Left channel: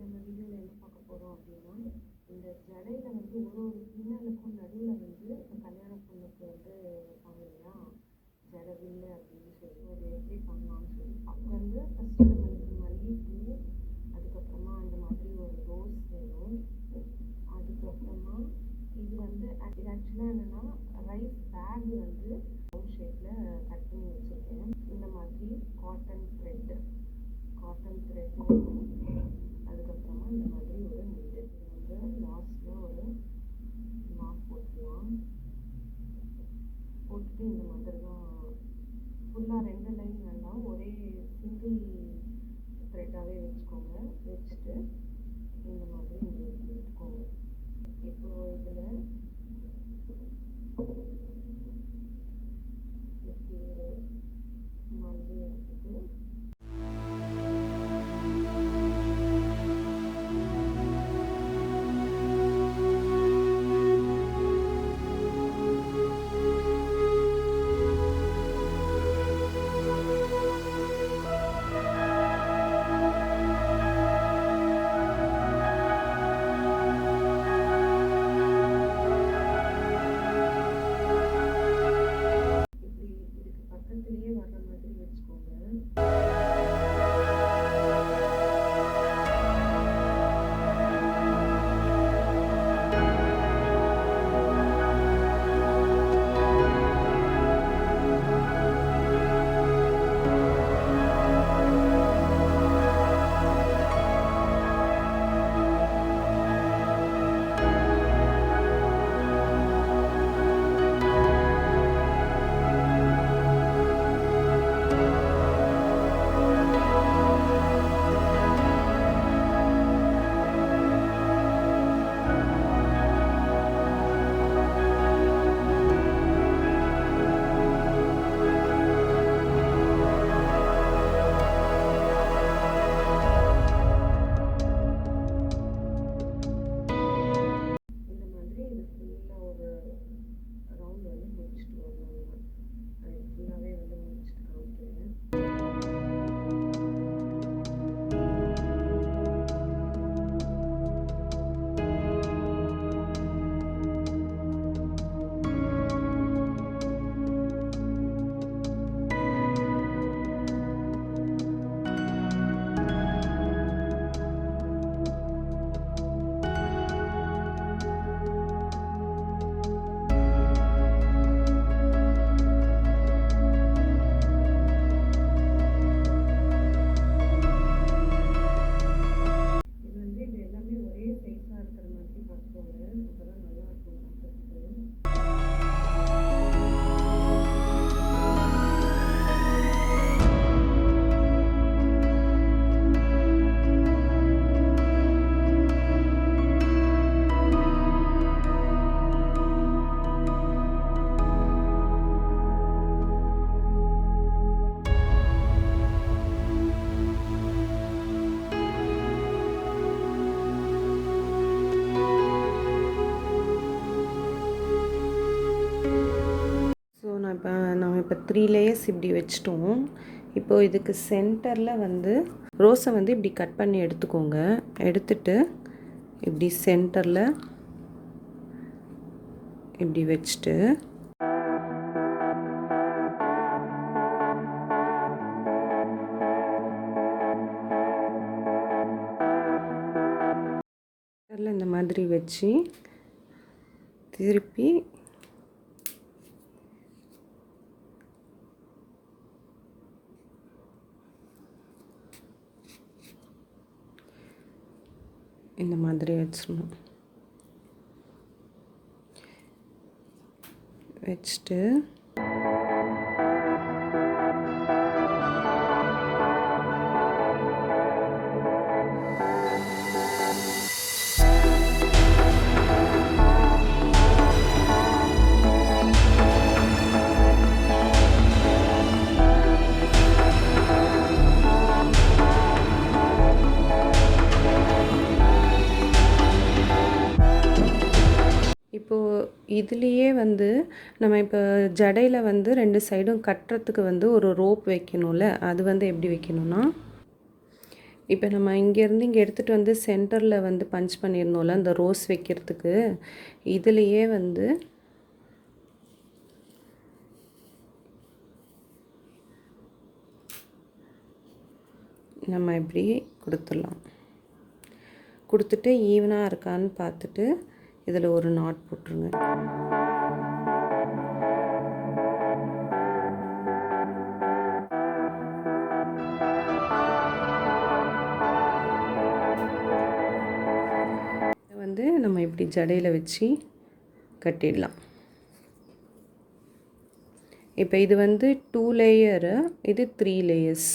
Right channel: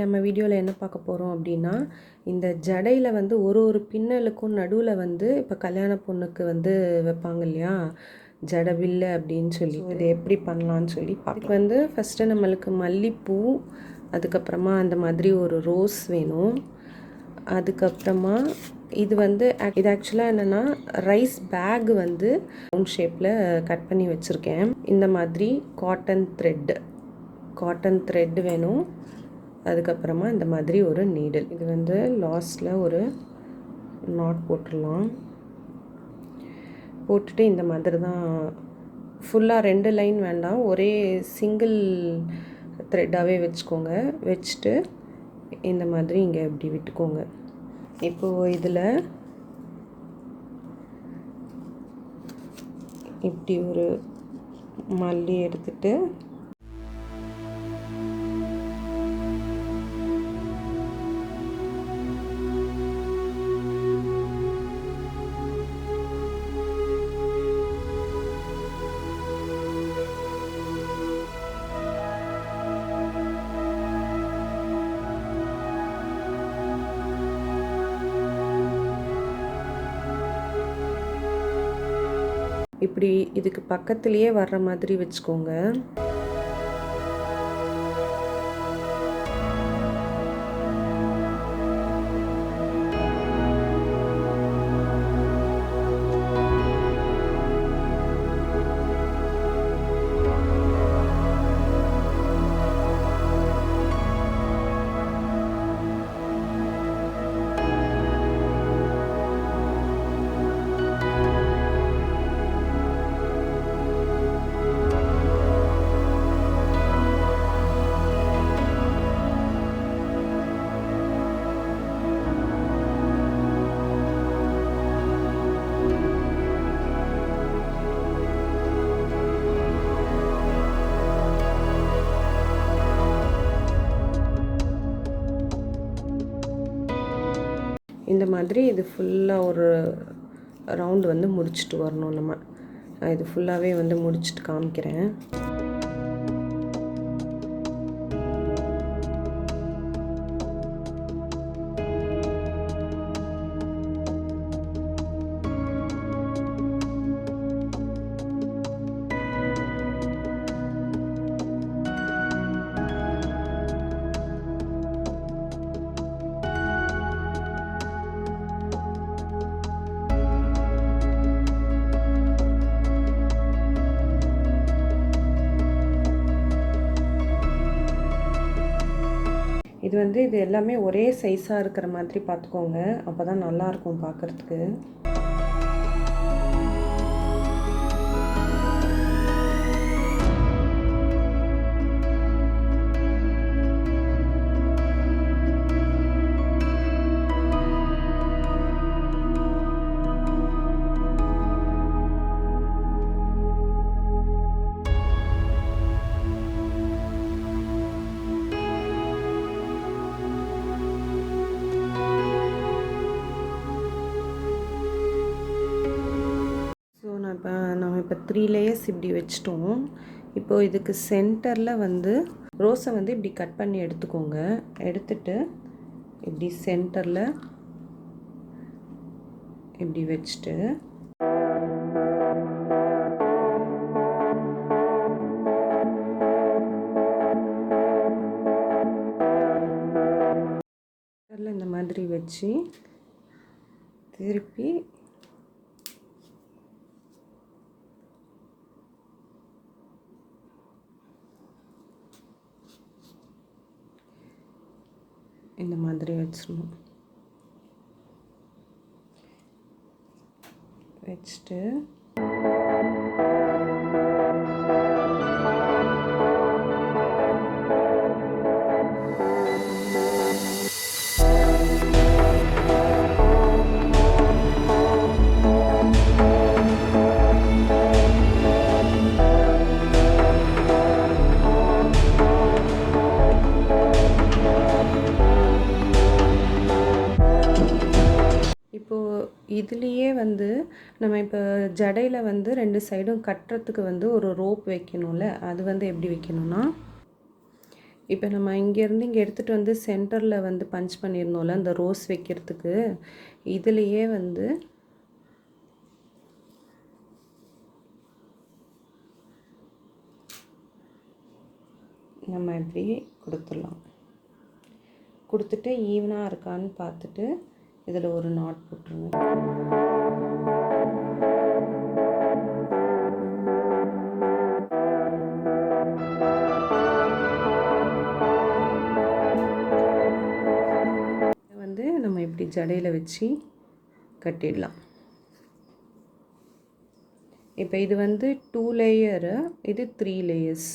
நம்ம வீடியோவில் என்ன பார்க்க போகிறோம் அப்படின்னா, இந்த ஜடையில் வந்து ஒரு பின்னலுக்கும் நடுவில் வந்து இப்போ கல்யாண பொண்ணுக்கு வந்து வைப்பாங்க இல்லையா, ஜடை வில்லு அப்படின்னு சொல்லி, இது எப்படி பண்ணலான்னு சொல்லி பார்க்க வந்து ஃபஸ்ட்டு நம்மளுக்கு மல்லிப்பூ, அதுக்கப்புறமா அந்த மாதிரி ஒரு ரோஸ் வேணும். அதுக்கப்புறமா இது வந்து இது ஆக்சுவலாக என்னென்னா ரைஸ் பேக் வந்து ரவுண்ட் ஷேப்பில் கட் பண்ணி வச்சுருக்கேன். இந்த மாதிரி காட்டன் த்ரெட் வேணும். அதுக்கப்புறமா இந்த மாதிரி ஒரு நீடில், இது வந்து லாஸ்ட்டில் ஒரு நாட் போட்டுடலாம். போட்டுட்டு இந்த மாதிரி தான் ஃபுல்லாக 2 லைன் வேண்டாம், ஒரே சிங்கிள் த்ரெட்டாகவே வச்சுக்கோங்க. வச்சுட்டு இந்த மாதிரி இங்கே இப்படி விட்டுக்கோங்க. இப்போது இதில் இப்படி ஒரு மல்லி எடுத்துட்டு இப்படி இதுக்கு பக்கத்துலேயே வர்ற மாதிரி வச்சுக்கோங்க. இந்த மாதிரி இது ஃபுல்லாக ஒரு ரவுண்டு வந்து முடிச்சுட்டு வரணும். நான் இது ஃபுல்லாகவே வந்து முடிச்சுட்டு காமிக்கிறேன். இது எல்லாமே ஒரே சைஸாக இருக்கிற மாதிரி பார்த்துக்கோங்க, அப்போ தான் நல்லாயிருக்கும் பார்க்குறதுக்கு. நம்ம இப்போ 3 லேயர்ஸ் இப்படி வச்சிட்டோம். இப்போது இதுக்கு சென்டரில் வந்து ரோஸை வந்து இப்படி கட் பண்ணி எடுத்துக்கோங்க. எடுத்துட்டு இப்படி சென்டரில் இப்படி வச்சுட்டு இந்த மாதிரி வச்சு திருப்பி இந்த மாதிரி வச்சிடணும். வச்சுட்டு இதுலேயே வந்து நம்ம இப்போ ஜடையில் வந்து 2 சைடும் கட்டுறதுக்கு வந்து ஒரு ரோப் வைக்கணும்ல, அது வந்து எப்படி வைக்கணும்னா, இப்போ நம்ம இங்கேருந்து இங்கே எடுத்துகிட்டு வந்து சென்டரில் வந்து பஞ்ச் பண்ணியிருந்தோம்ல அந்த ரோஸ் வைக்கிறதுக்கு, இதுலேயே வந்து நம்ம இப்படி கொடுத்துடலாம். கொடுத்துட்டு ஈவனாக இருக்கான்னு பார்த்துட்டு இதில் ஒரு நாட் போட்டுருங்க. வந்து நம்ம இப்படி ஜடையில் வச்சு கட்டிடலாம். இப்போ இது வந்து 2 லேயரு, இது 3 லேயர்ஸ்.